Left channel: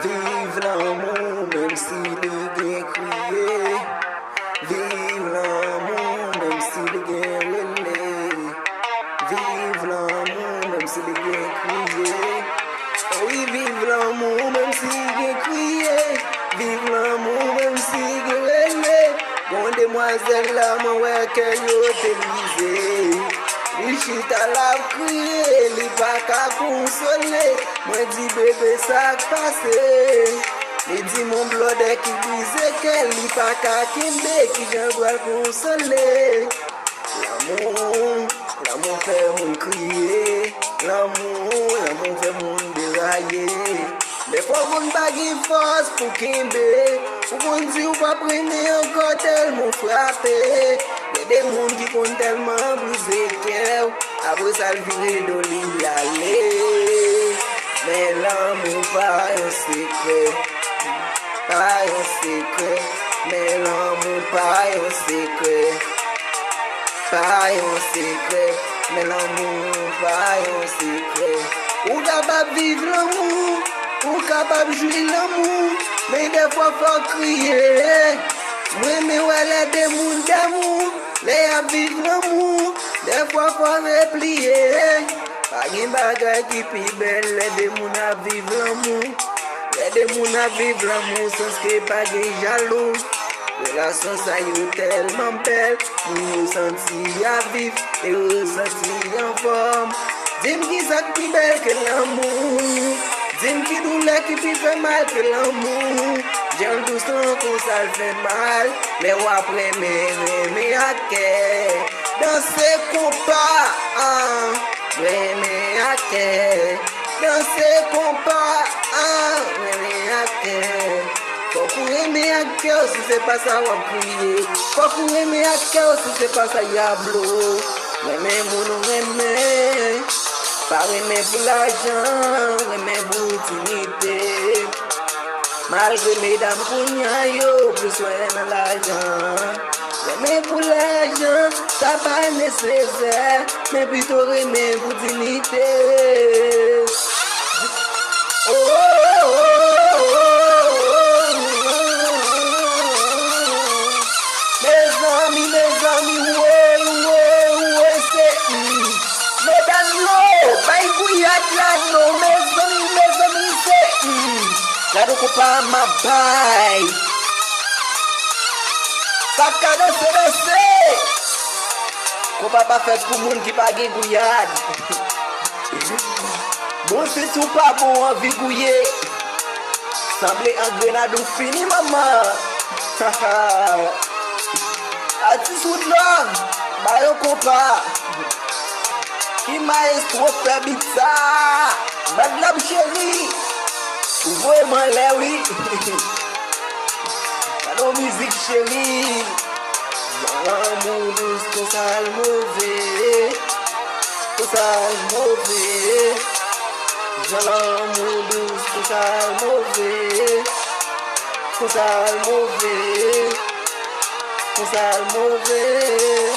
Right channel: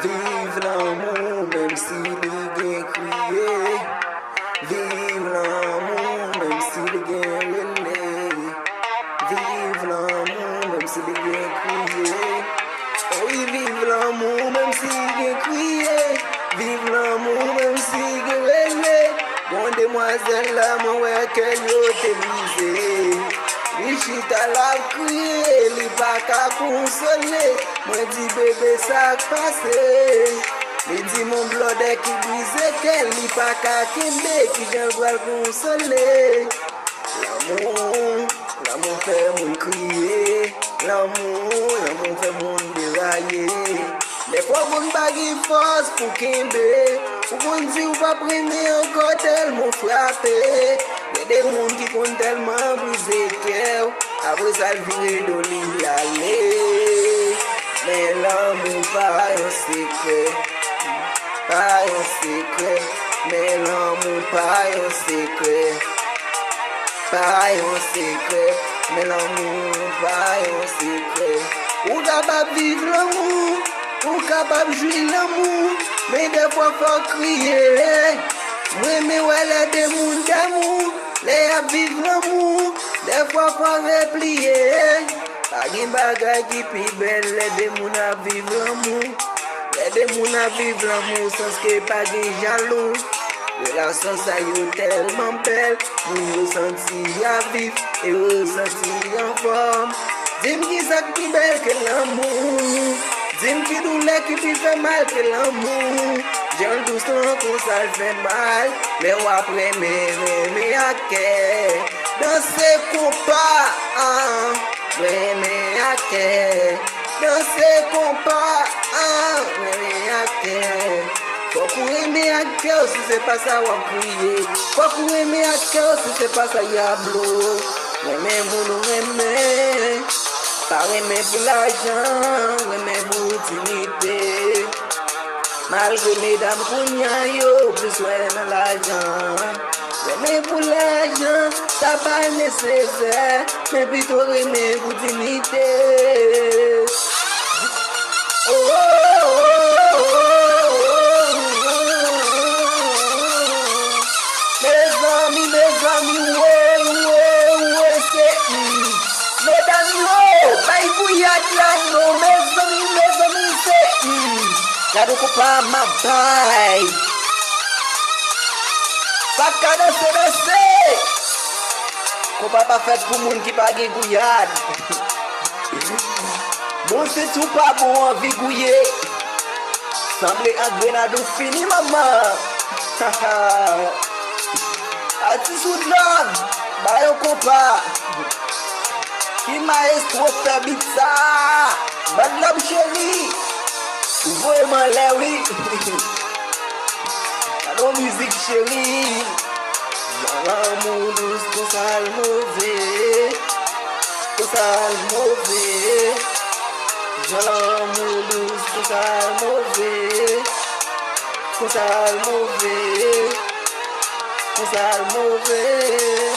Vive l'amour, même si le gain crié. Vive l'amour, même si le gain relais. Vive l'amour, même si le gain crié. Oui, vive l'amour, même si le gain crié. Vive l'amour, même si le gain relais. Bon demoiselle là, mon ouais, qu'elle te brisé. Li chita la crié, li pas qu'à consoler. Moi dis bébé ça passé. Li dit mon blood qui brise qu'elle li pas qu'à quitter, qui vient voir consoler. L'amour fait mon crier. L'amour fait mon dérailler. Des fois vous baguez force pour qu'aimer. Vous dit ou pas primer encore tellement frappé. Mais des mondes qui font tellement briser cœur. Après ça le virer d'olive aller. Mais l'amour pas un secret. Pas un secret. Mais l'amour pas un secret. Pas un secret. Mais l'amour pas un secret. Ou capable de vivre l'amour. Ou capable de jouir l'amour. Mais des fois faut crier. Moi mais ouais des mondes d'amour. Les à vivre l'amour. Des fois faut replier. Pas de bagaille qui plus belle. Les démons à vivre l'amour. Les démons à vivre l'amour sans que pas de jaloux. Relation ça y est tellement belle. Pour nous sentir à vivre et ressentir en forme. Dis-moi qui ça qui belle que l'amour. Dis-moi qui douleur qui te fait mal que l'amour. J'aime tout ça qu'on ça fait mal. Mais après mais à quai. Dans ces compas, mais à quai. Dans ces compas, mais à quai. Faut qu'on aimer à cœur si c'est pas ça on crier. Faut qu'on aimer à cœur si c'est pas ça yablo. Aimer mon aimer. Pas aimer pour l'argent, aimer pour l'utilité. Malgré les dames pour yo, plus soin dans l'argent. Aimer pour l'argent, ça pas nécessaire. Mais plutôt aimer pour l'utilité. Oh, oh, oh, oh, oh, oh. Mes amis, ouais, c'est Edano, vai couillar là, non, mes amis, c'est Quero comprar uma pai. Sacada CDC. Comprar pra festa pro mundo que paguei guiado. Bom se tu papo uma vigouillé. Samble a grenade fini mamã. Assim sudando, aí eu comprar. E mais compra pizza. Badlam chéri. Voy Malawi. Allo musique chérie. L'amour pour ça le mauvais. Pour ça le mauvais. L'amour pour ça le mauvais. Pour ça le mauvais. Pour ça le mauvais.